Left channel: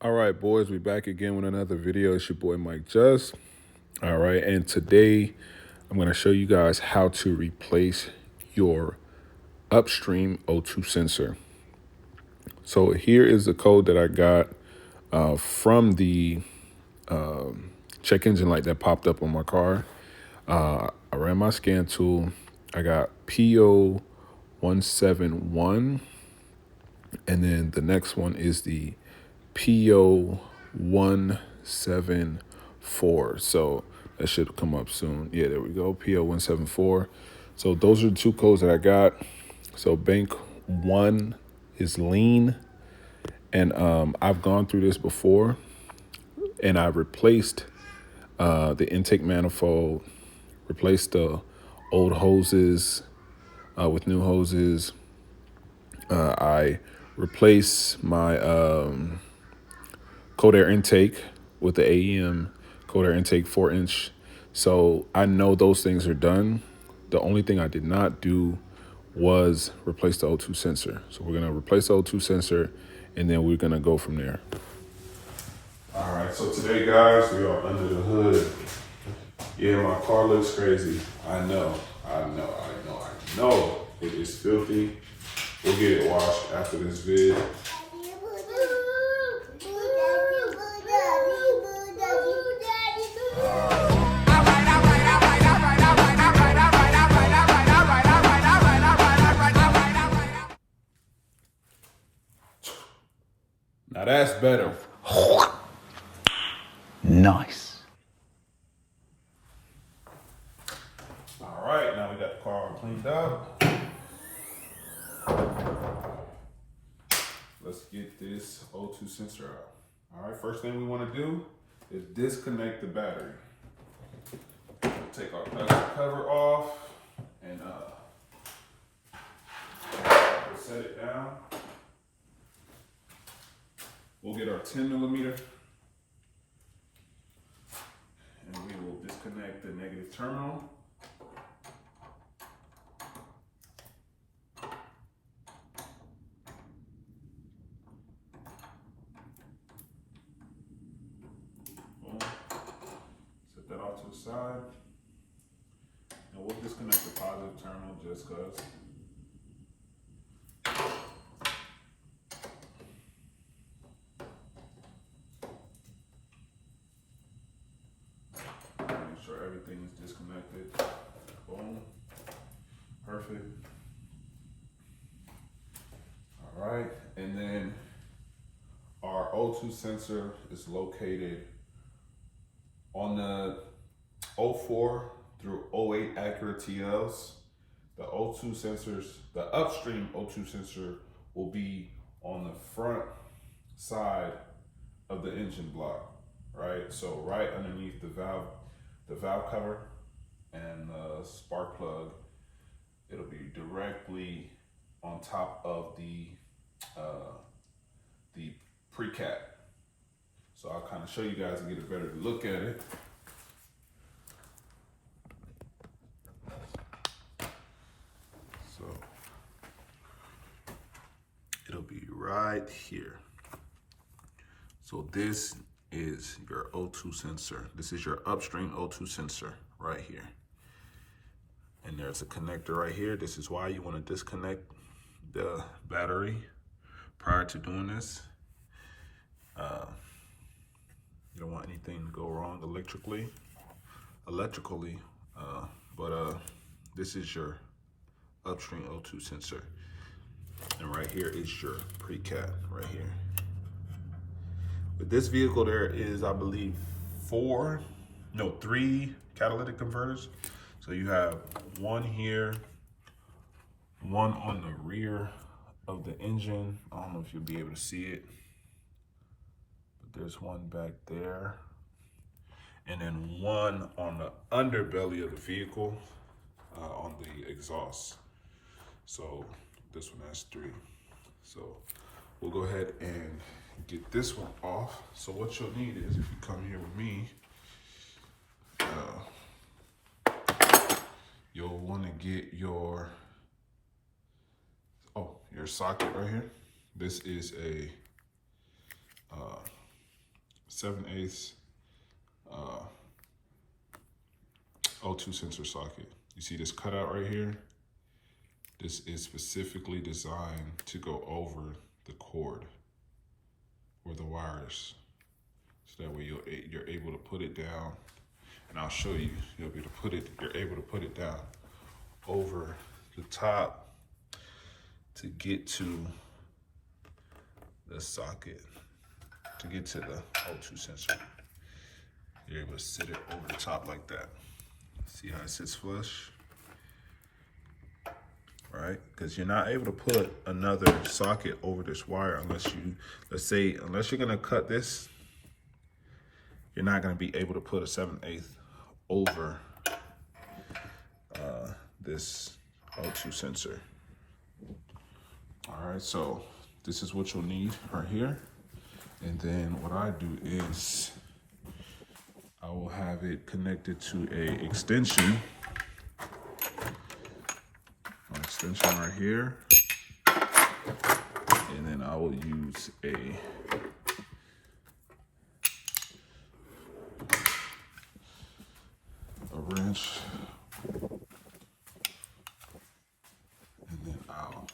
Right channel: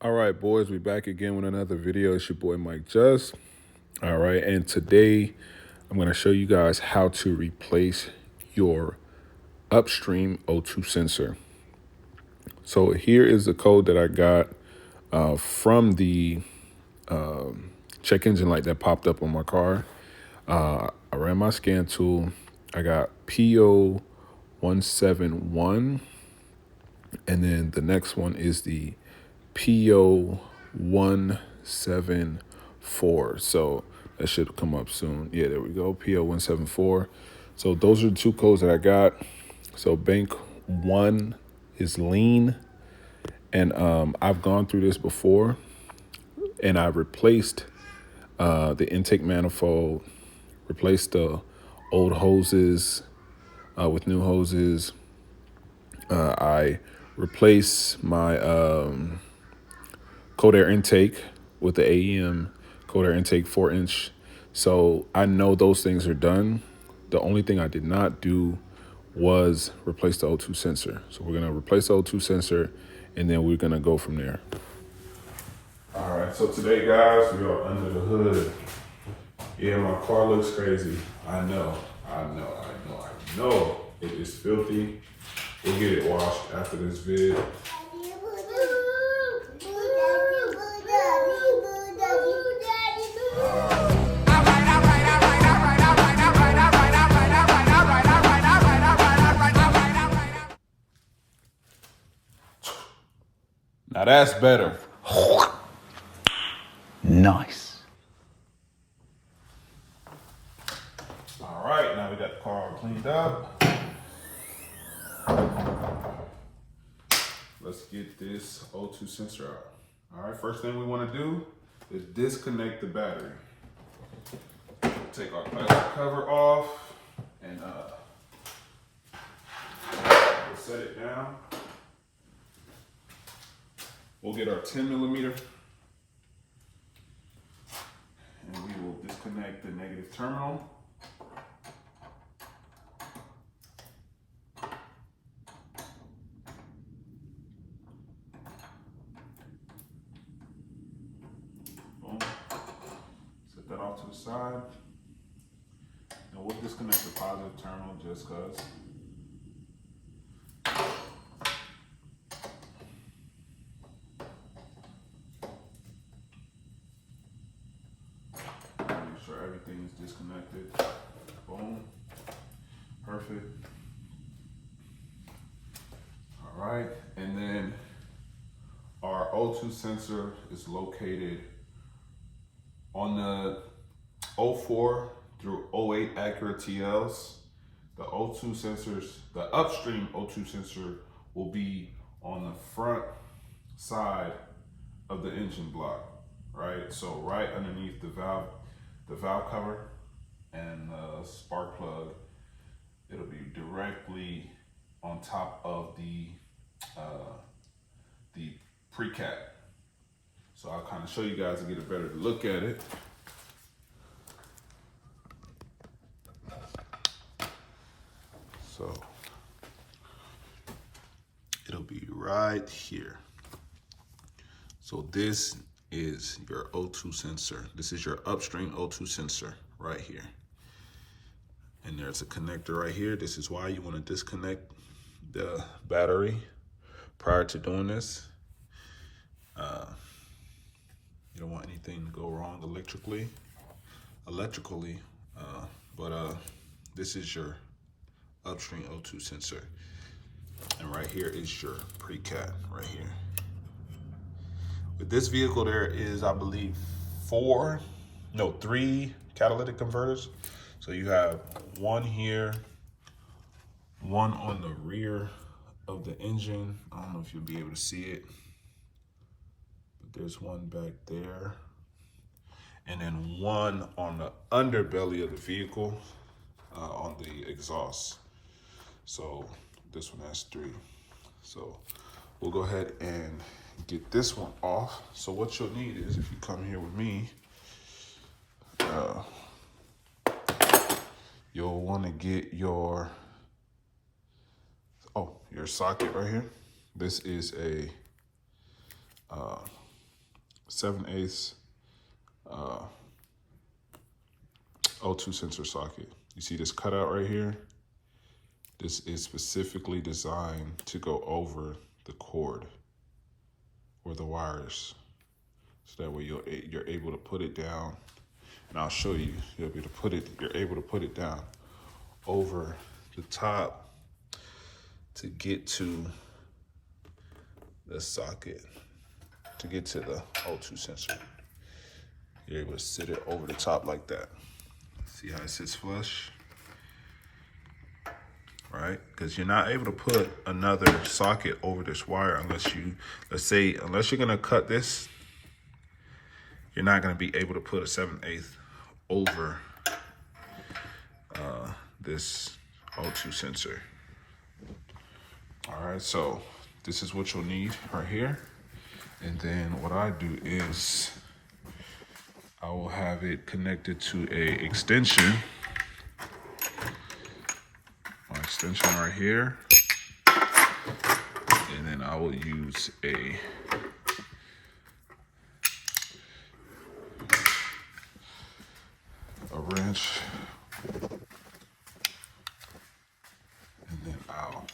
All right, boys, we back again with another video. It's your boy Mike Just. All right, and today I'm going to show you guys how to replace your upstream O2 sensor. So here is the code that I got from the check engine light that popped up on my car. I ran my scan tool. I got PO 171, and then the next one is the PO 174. So that should come up soon. Yeah, there we go. PO 174. So those are the two codes that I got. So bank one is lean. And I've gone through this before, and I replaced the intake manifold, replaced the old hoses with new hoses. I replaced my cold air intake with the AEM cold air intake 4-inch. So I know those things are done. The only thing I did not do was replace the O2 sensor. So we're gonna replace the O2 sensor, and then we're gonna go from there. All right, so today, guys, we are under the hood. Yeah, my car looks crazy. I know. It is filthy. We'll get it washed after this vid. Now that's better. Nice. All right, now we got the car all cleaned up. Let's get this O2 sensor out. All right, first thing we want to do is disconnect the battery. Take our plastic cover off and we'll set it down. We'll get our 10mm and we will disconnect the negative terminal. Boom. Set that off to the side. And we'll disconnect the positive terminal just because. Make sure everything is disconnected. Boom. Perfect. All right, and then our O2 sensor is located on the 04 through 08 Acura TLs. The O2 sensors, the upstream O2 sensor will be on the front side of the engine block, right? So right underneath the valve cover and the spark plug, it'll be directly on top of the pre-cap. So I'll kind of show you guys and get a better look at it. So it'll be right here. So this is your O2 sensor. This is your upstream O2 sensor right here. And there's a connector right here. This is why you want to disconnect the battery prior to doing this. You don't want anything to go wrong electrically, but this is your upstream O2 sensor. And right here is your pre-cap right here. With this vehicle, there is, I believe, 3 catalytic converters. So you have one here, one on the rear of the engine. I don't know if you'll be able to see it, but there's one back there. And then one on the underbelly of the vehicle on the exhaust. So this one has 3. So we'll go ahead and get this one off. So what you'll need is, if you come here with me, you'll want to get your socket right here. This is a 7/8 O2 sensor socket. You see this cutout right here? This is specifically designed to go over the cord or the wires. So that way you're able to put it down, and I'll show you, you're able to put it down over the top to get to the socket, to get to the O2 sensor. You're able to sit it over the top like that. See how it sits flush? Right? Because you're not able to put another socket over this wire unless you're gonna cut this, you're not gonna be able to put a 7/8 over this O2 sensor. All right, so this is what you'll need right here. And then what I do is I will have it connected to a extension. My extension right here. And then I will use a wrench. And then I'll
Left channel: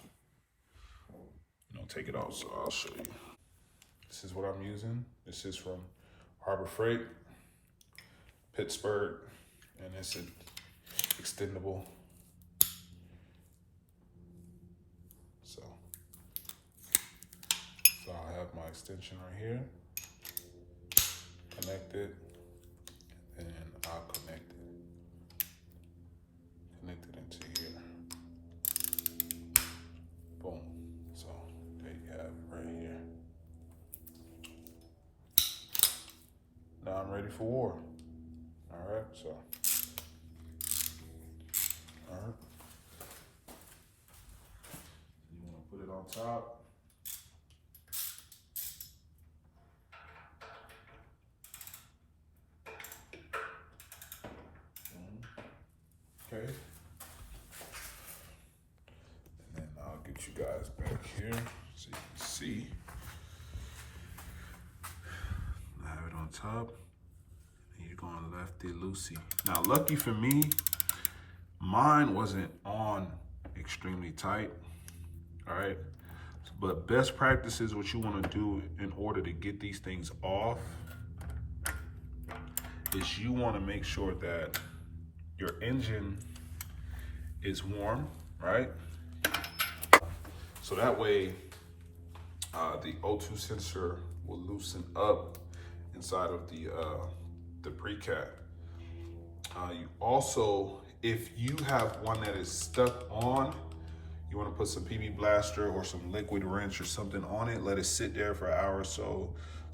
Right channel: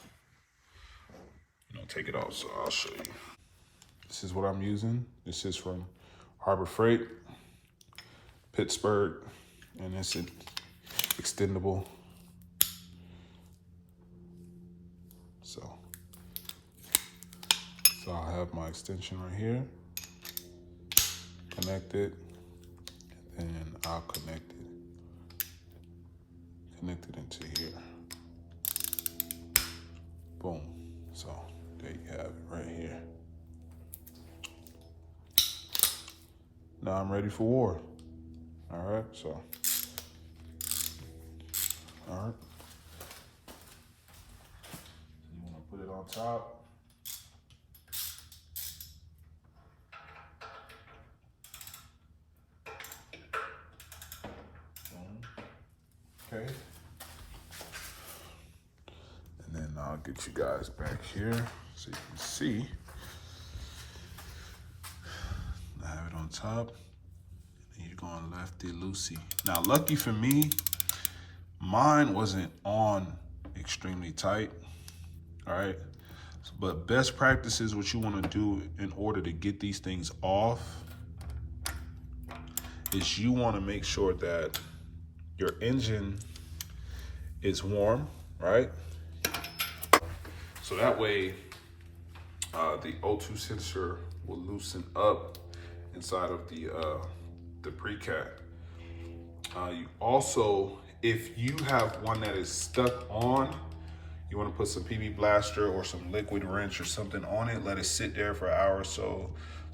take it off, so I'll show you. This is what I'm using. This is from Harbor Freight, Pittsburgh, and it's extendable. So I'll have my extension right here, connected, and I'll connect it into here. Boom. So there you have it right here. Now I'm ready for war. All right, so, all right. You want to put it on top. Boom. Okay. And then I'll get you guys back here so you can see. I have it on top. You're going lefty loosey. Now, lucky for me, mine wasn't on extremely tight, all right? But best practices, what you want to do in order to get these things off is you want to make sure that your engine is warm, right? So that way, the O2 sensor will loosen up inside of the pre-cat. You also, if you have one that is stuck on, you want to put some PB Blaster or some liquid wrench or something on it. Let it sit there for an hour or so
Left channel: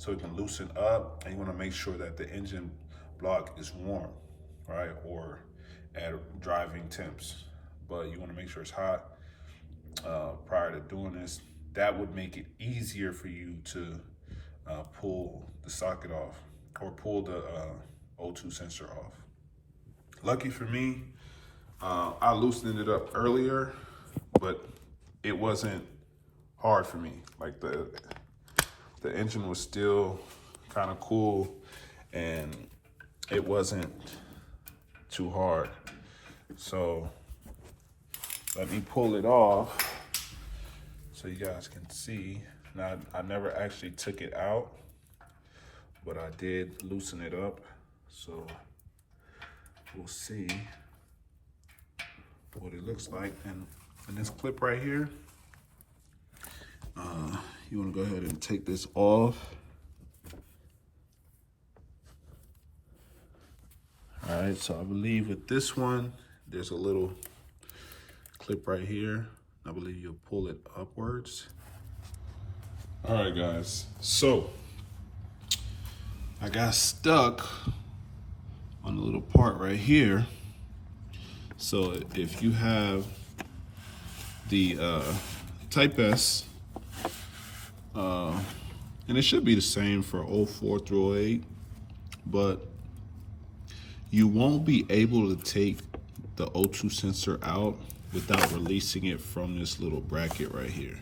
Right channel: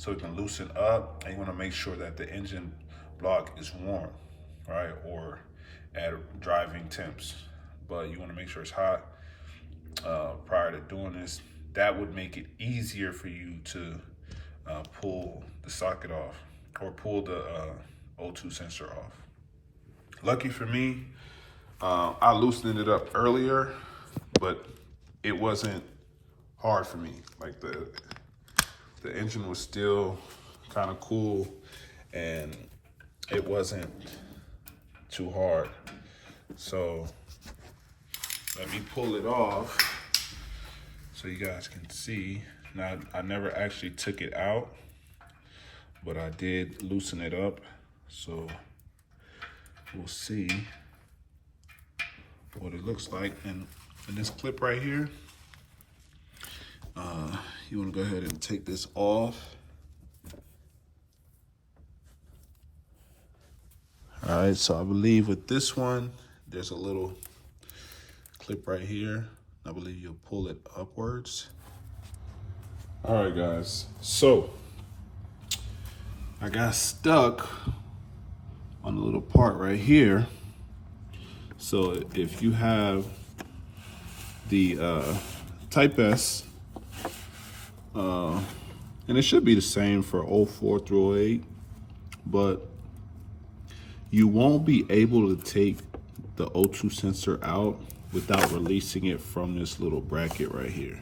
it can loosen up. And you want to make sure that the engine block is warm, right? Or at driving temps. But you want to make sure it's hot prior to doing this. That would make it easier for you to pull the socket off or pull the O2 sensor off. Lucky for me, I loosened it up earlier, but it wasn't hard for me. Like the engine was still kind of cool and it wasn't too hard. So let me pull it off so you guys can see. Now, I never actually took it out, but I did loosen it up. So we'll see what it looks like. And in this clip right here, you want to go ahead and take this off. All right, so I believe with this one, there's a little clip right here. I believe you'll pull it upwards. All right, guys, so I got stuck on the little part right here. So if you have the Type S, and it should be the same for 04 through 08, but you won't be able to take the O2 sensor out without releasing it from this little bracket right here.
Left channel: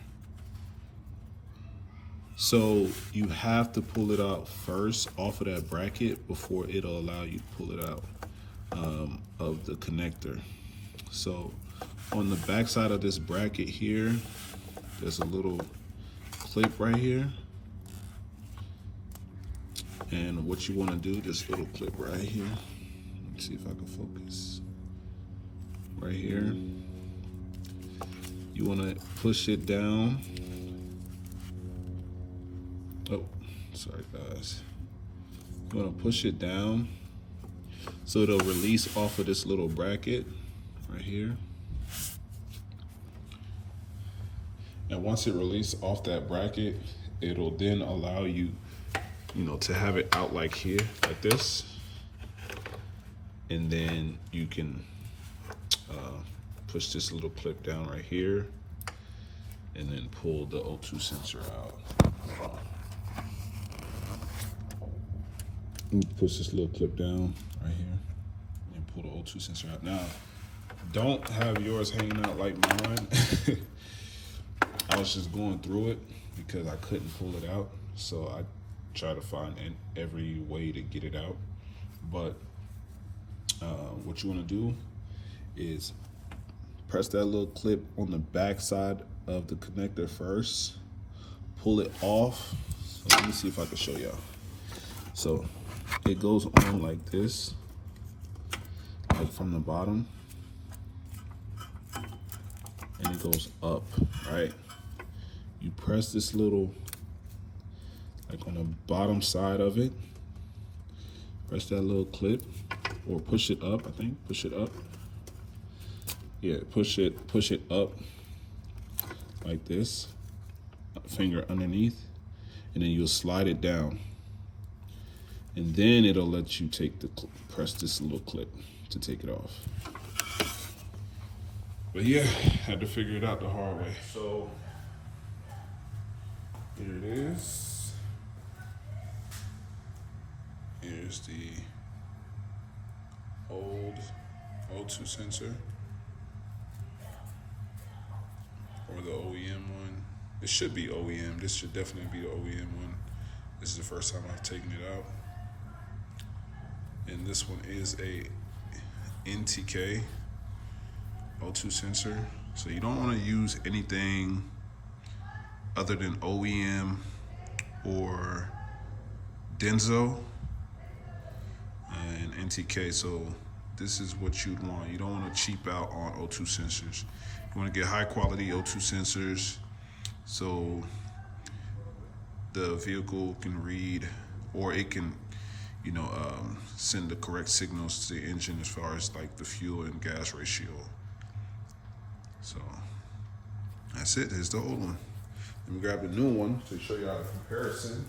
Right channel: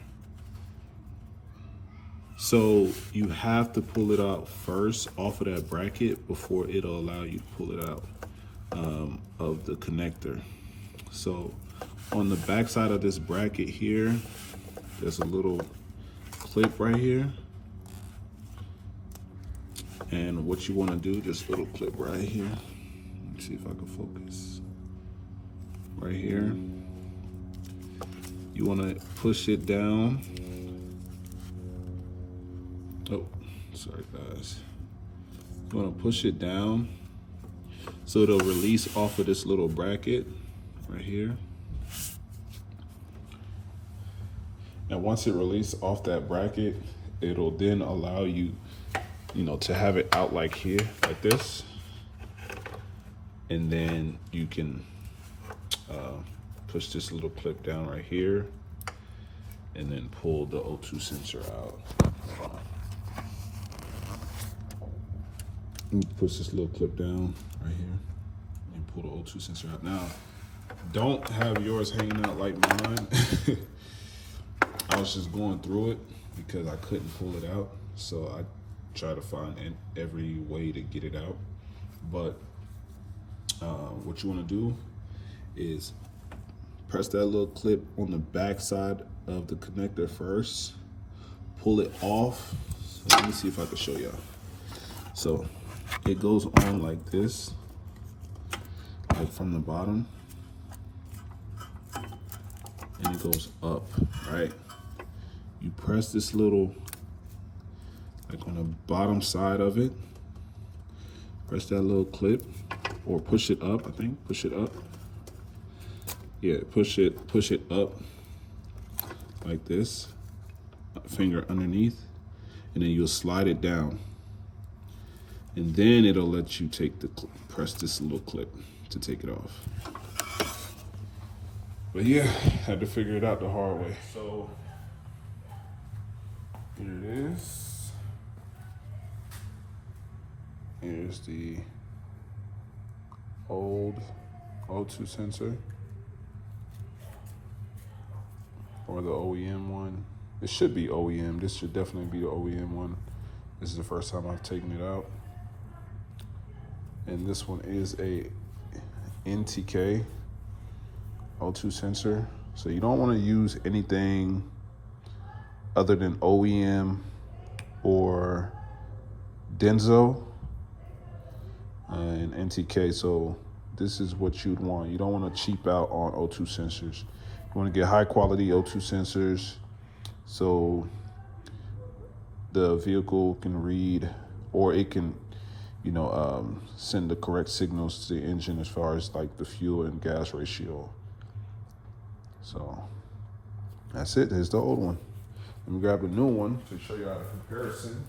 So you have to pull it out first off of that bracket before it'll allow you to pull it out of the connector. So on the back side of this bracket here, there's a little clip right here. And what you want to do, this little clip right here, let's see if I can focus. Right here, you want to push it down. Oh, sorry guys. You want to push it down so it'll release off of this little bracket right here. And once it releases off that bracket, it'll then allow you, to have it out like here, like this. And then you can push this little clip down right here and then pull the O2 sensor out. Push this little clip down right here and pull the O2 sensor out. Now, don't have yours hanging out like mine. I was just going through it because I couldn't pull it out. So I try to find every way to get it out. But what you want to do is press that little clip on the back side of the connector first. Pull it off. So let me see if I can show y'all. So it goes on like this, like from the bottom, and it goes up, right? You press this little, like on the bottom side of it, press that little clip, or push it up, I think, push it up. Yeah, push it up like this, finger underneath, and then you'll slide it down. And then it'll let you press this little clip to take it off. But yeah, had to figure it out the hard way. So here it is. Here's the old O2 sensor, or the OEM one. It should be OEM. This should definitely be the OEM one. This is the first time I've taken it out. And this one is a NTK O2 sensor. So you don't want to use anything other than OEM or Denso and NTK. So this is what you'd want. You don't want to cheap out on O2 sensors. You want to get high quality O2 sensors so the vehicle can read, or it can send the correct signals to the engine as far as like the fuel and gas ratio. So that's it. Here's the old one. Let me grab the new one to show you how the comparison.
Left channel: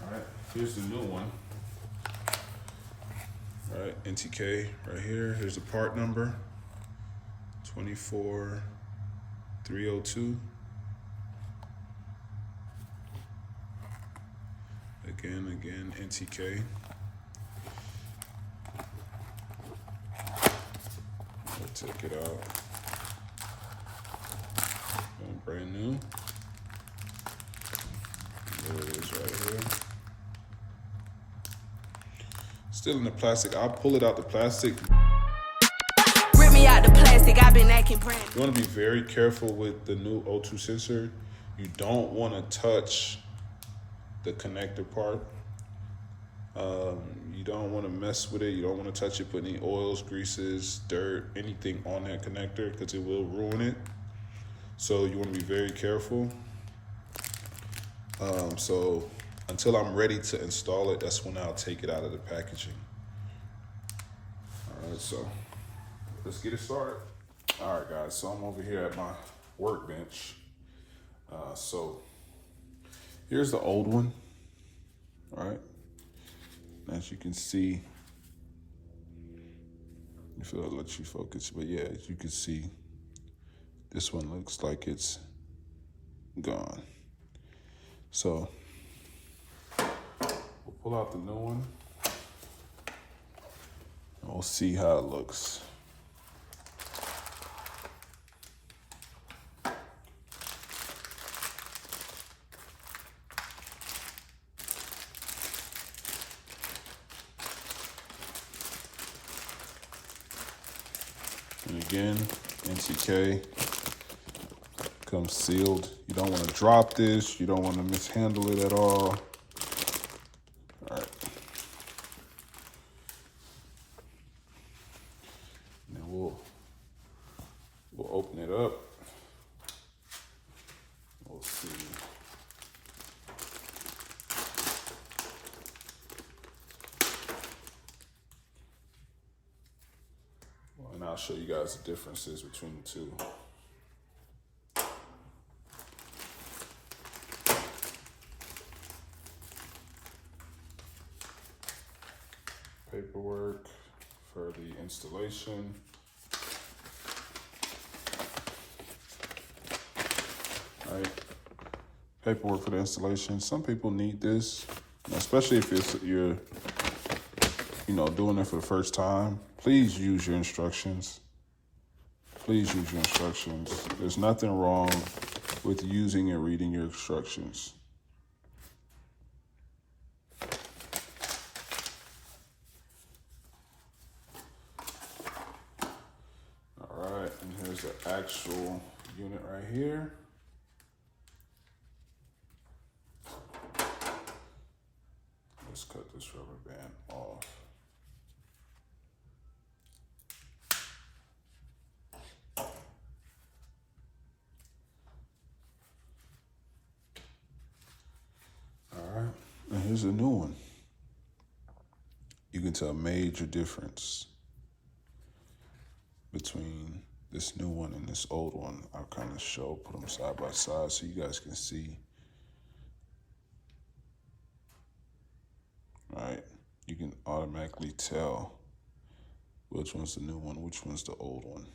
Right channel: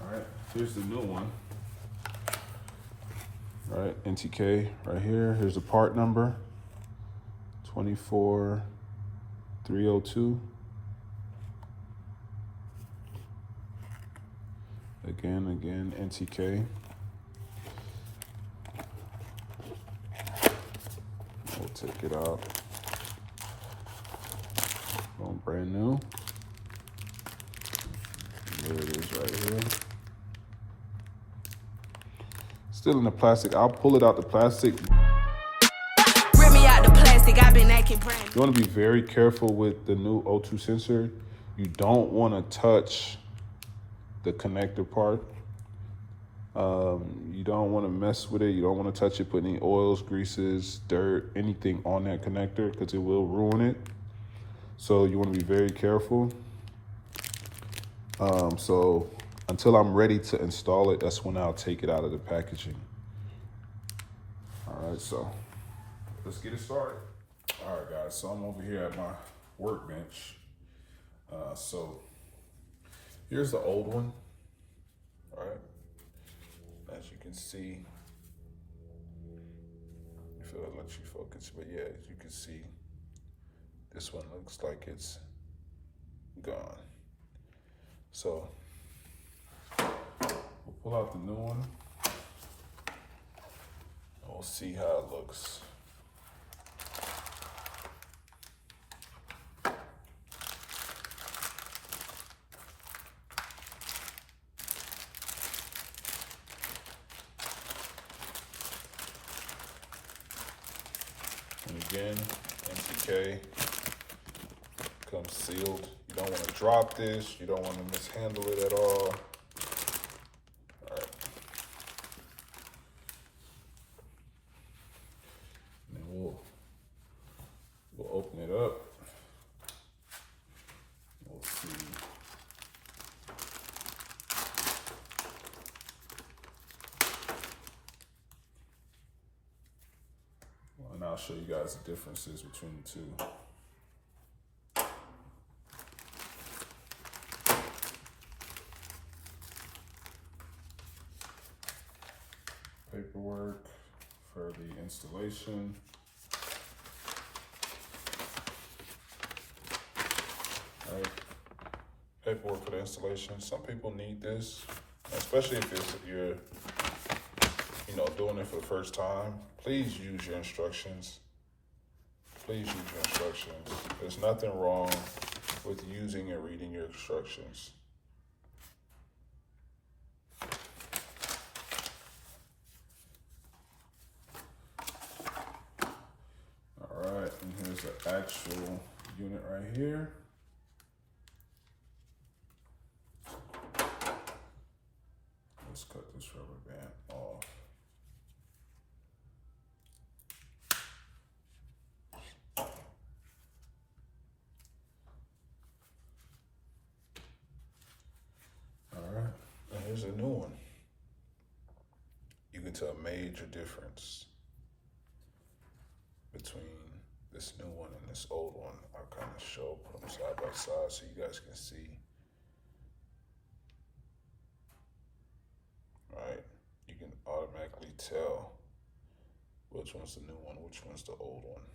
All right, here's the new one. All right, NTK right here. Here's the part number, 24302. Again, NTK. We'll take it out. Going brand new. There it is right here. Still in the plastic. I'll pull it out the plastic. Rip me out the plastic. I've been acting brand. You want to be very careful with the new O2 sensor. You don't want to touch the connector part. You don't want to mess with it. You don't want to touch it, put any oils, greases, dirt, anything on that connector, because it will ruin it. So you want to be very careful. So until I'm ready to install it, that's when I'll take it out of the packaging. All right, so let's get it started. All right, guys, so I'm over here at my workbench. So here's the old one, all right? As you can see, if it'll let you focus, but yeah, as you can see, this one looks like it's gone. So we'll pull out the new one. We'll see how it looks. And again, NTK comes sealed. You don't want to drop this. You don't want to mishandle it at all. And then we'll open it up. We'll see. Well, and I'll show you guys the differences between the two. Paperwork for the installation. Right. Paperwork for the installation. Some people need this, especially if you're doing it for the first time. Please use your instructions. Please use your instructions. There's nothing wrong with using and reading your instructions. All right, and here's the actual unit right here. Let's cut this rubber band off. All right, and here's a new one. You can tell a major difference between this new one and this old one. I'll kind of put them side by side so you guys can see. Right, you can automatically tell which one's the new one, which one's the old one.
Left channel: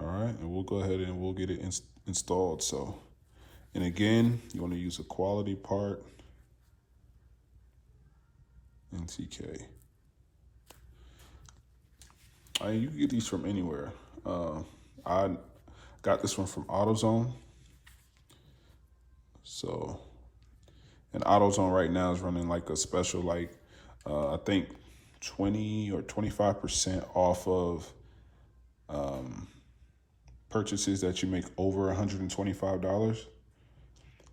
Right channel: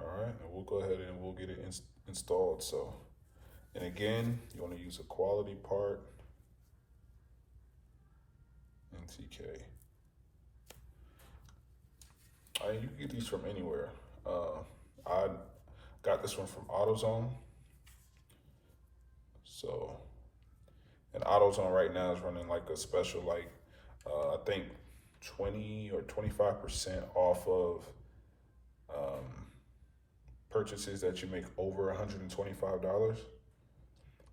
All right, and we'll go ahead and we'll get it installed. So, and again, you want to use a quality part, NTK. You can get these from anywhere. I got this one from AutoZone. So, and AutoZone right now is running like a special, I think 20 or 25% off of purchases that you make over $125.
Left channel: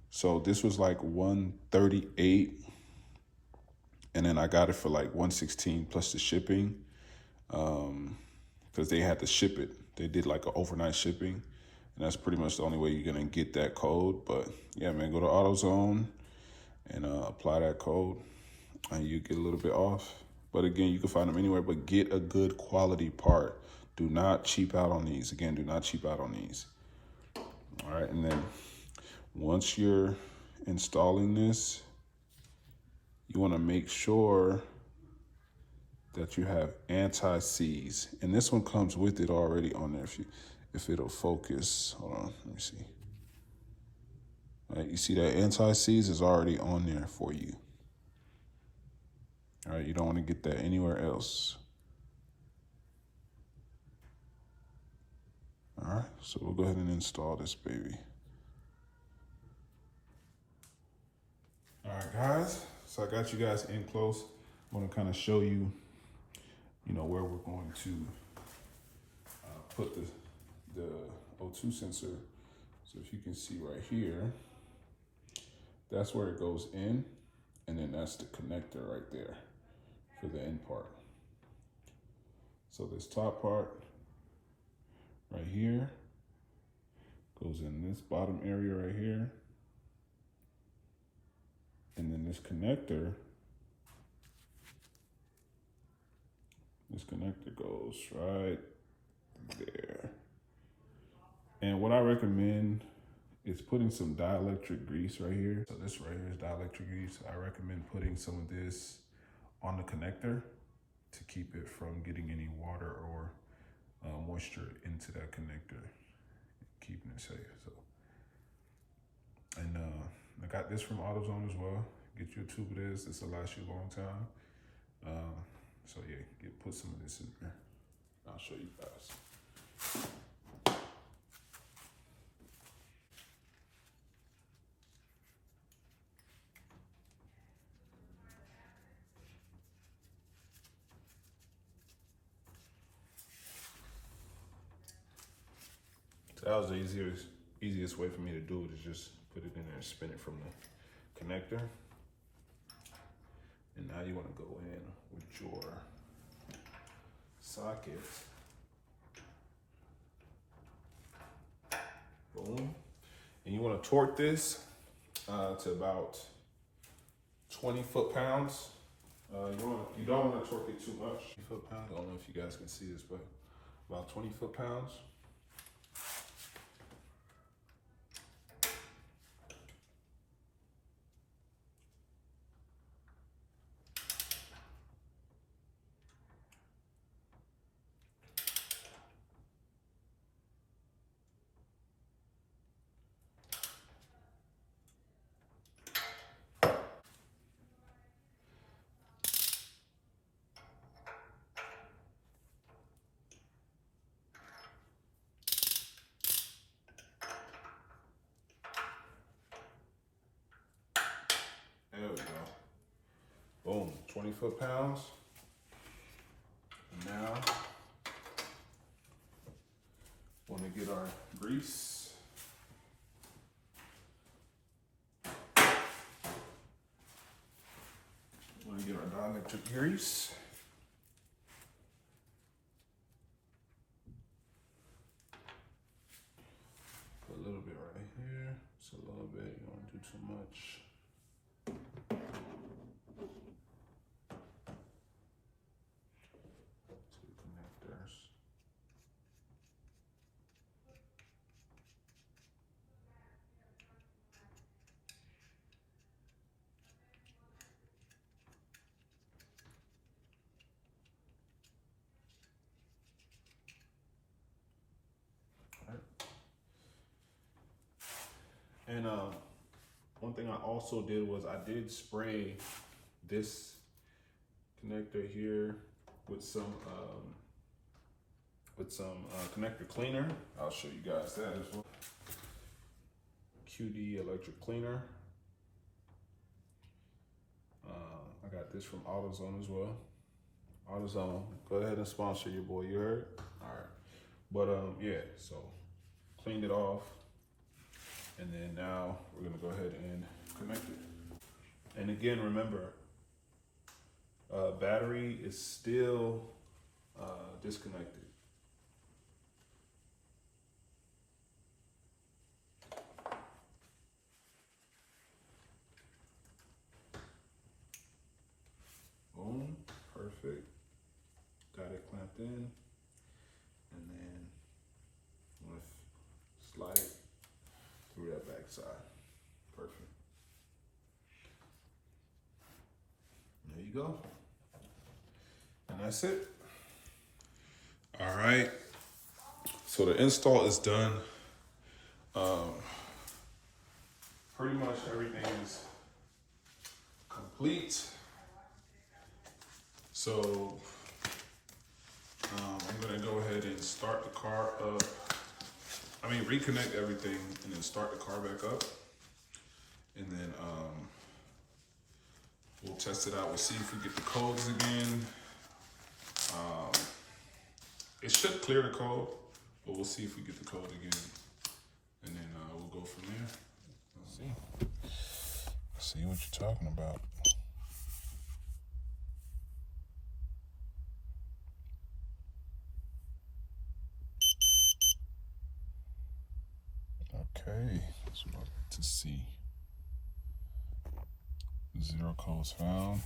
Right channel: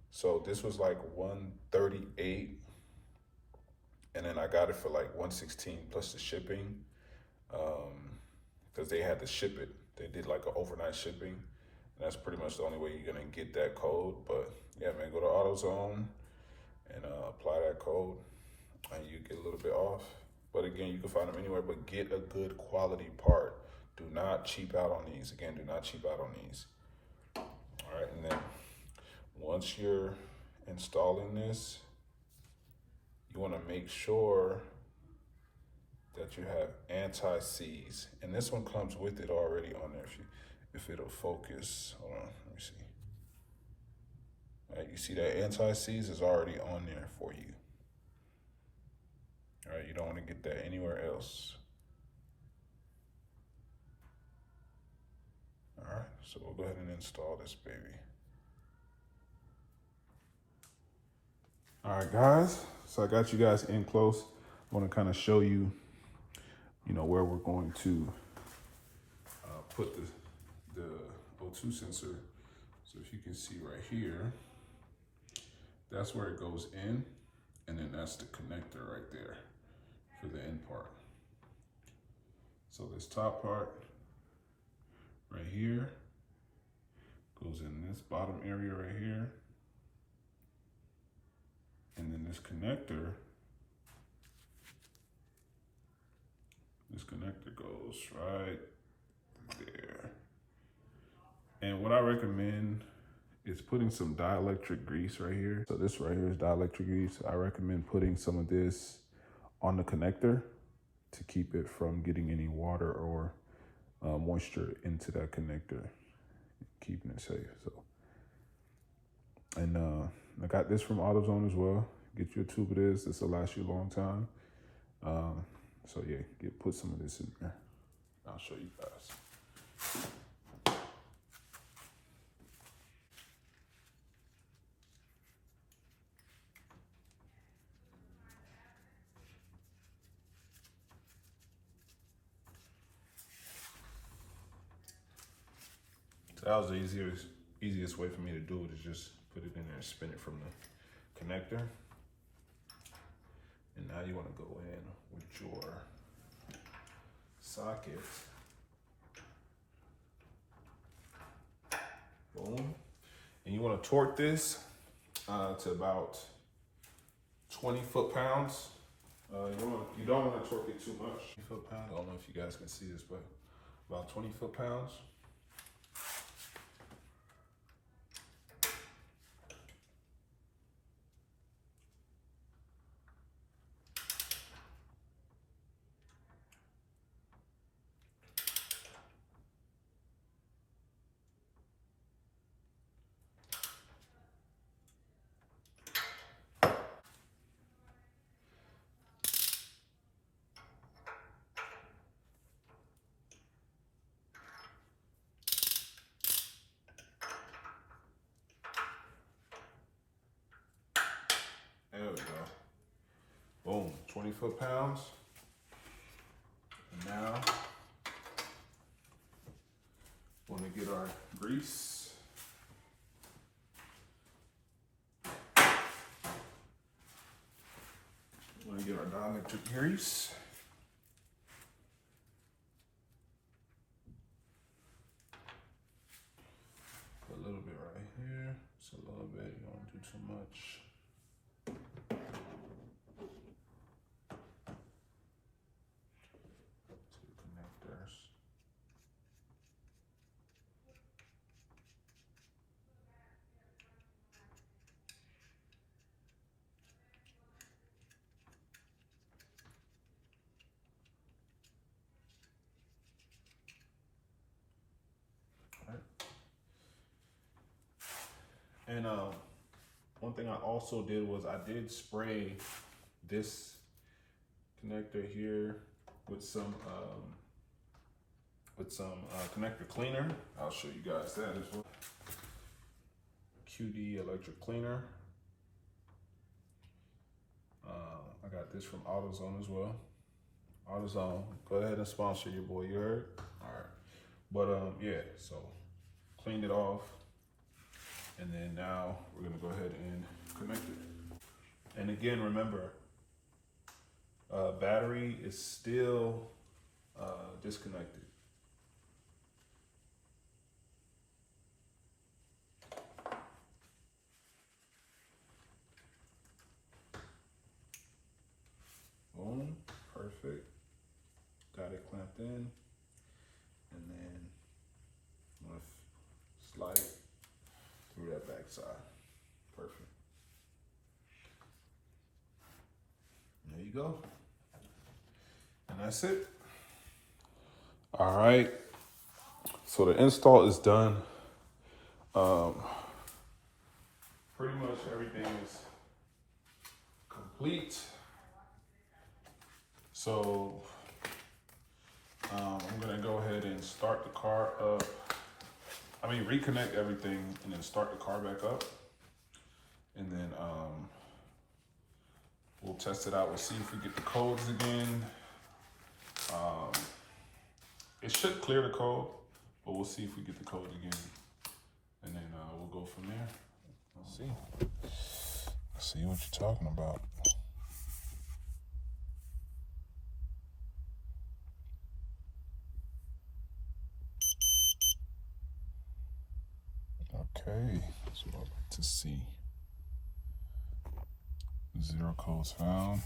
So this was like $138, and then I got it for like $116 plus the shipping, because they had to ship it. They did like an overnight shipping, and that's pretty much the only way you're gonna get that code. But yeah, man, go to AutoZone and apply that code, and you get a little bit off. But again, you can find them anywhere, but get a good quality part. Do not cheap out on these. Again, do not cheap out on these. All right, and then once you're installing this, you wanna make sure that you have anti-seize. And this one comes with it already on there, if it'll focus. Hold on, let me see. All right, you see that anti-seize is already on there for you. All right, you don't wanna get that anywhere else. All right, so we'll go ahead and install this baby. All right, guys, so I got you guys in close. I wanna kind of show you, where we're going to put the O2 sensor. So if you can see right here, that's where it goes in, and then that's the connector right there for the end part. So this top part right here goes in this bottom area right here, and then this connector goes right there. And what I recommend is putting some dielectric grease right here. So this right here is dielectric grease. I recommend putting some of this on the connector to keep it from getting any water or moisture into that connector, keeping it safe. So, and I got this from AutoZone as well. Get you a tube of this. This will last you a long time. So yeah, put some of this in there. I'll show you guys. So that was the easiest way for me to do it, is just put it in there and spin it from the connector. And now you want to go in with your socket. Boom. And you want to torque this to about 20 foot-pounds. You don't want to torque it too much. 20 foot-pounds. I don't know if you guys can see this, but about 20 foot-pounds. There we go. Boom, 20 foot-pounds. And now, want to get our grease. Want to get our dielectric grease. Put a little bit right here. Just a little bit. You don't want to do too much. Two connectors. And one thing I also did was I did spray this connector here with some connector cleaner. I'll show you guys that as well. QD electric cleaner. I got this from AutoZone as well. AutoZone, go ahead and sponsor your boy. You heard? All right. But yeah. So cleaned it off. And then now we're gonna go ahead and connect it. And again, remember, battery is still disconnected. Boom, perfect. Got it clamped in. And then I'm gonna slide it through that back side. Perfect. There you go. And that's it. All right. So the install is done. Pretty much everything is complete. So I'm gonna go ahead and start the car up. Reconnect everything and then start the car back up. And then we'll test it out. We'll see if we get the codes again. It should clear the code, but we'll see if we get the code again. And then we'll go from there. Let's see. Let's see what you're talking about. Okay, that's what I'd like to see. 0 codes found.